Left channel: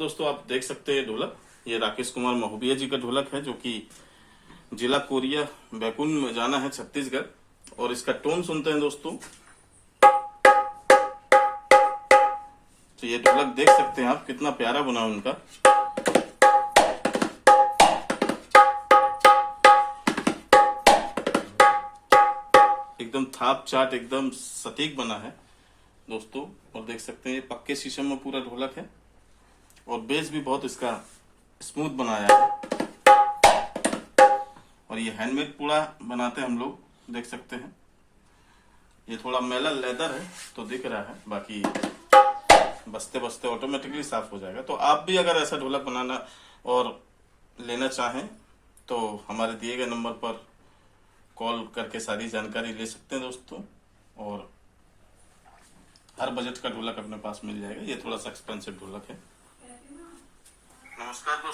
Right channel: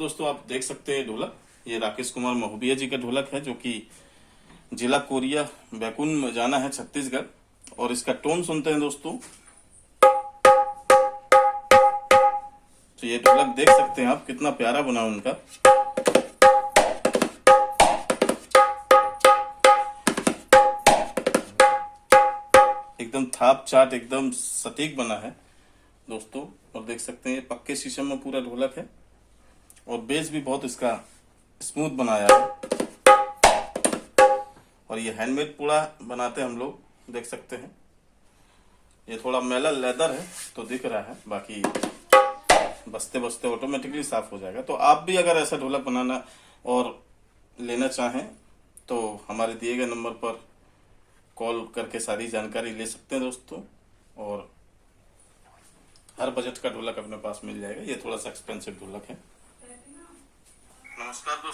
दोस्तों, आप देख सकते हैं ढोलक, ये राकेश कुमार महोबिया जी का ढोलक है जो कि जिला कोरिया बैकुन में जाना है छत्तीसगढ़। और इसका टोन सुनते हैं दोस्तों, तो ये ढोलक देख सकते हैं आप कितना प्यारा बना उनका। एकदम थाप चाट एकदम सटीक बना है दोस्तों। और देख सकते हैं पक्के शीशम में पूरा ढोलक है और बेस भी बहुत इसका स्मूथ बनाया है। और ये हैंडमेड पूरा बनाते हैं हम लोग, देख सकते हैं। ये थोड़ा मैला लेदर है तो दिख रहा है, बाकी बजते बजते ऑटोमेटिकली साफ हो जाएगा। तो आप भी अगर ऐसा ढोलक बनाना और लेना चाहें तो हमारे दिए गए नंबर पर कॉल करके सारी जानकारी ले सकते हैं दोस्तों। और हर बजट का ढोलक अपने पास मिल जाएगा। ये थोड़ा सा एक्सपेंसिव ढोलक है। नमस्कार दोस्तों।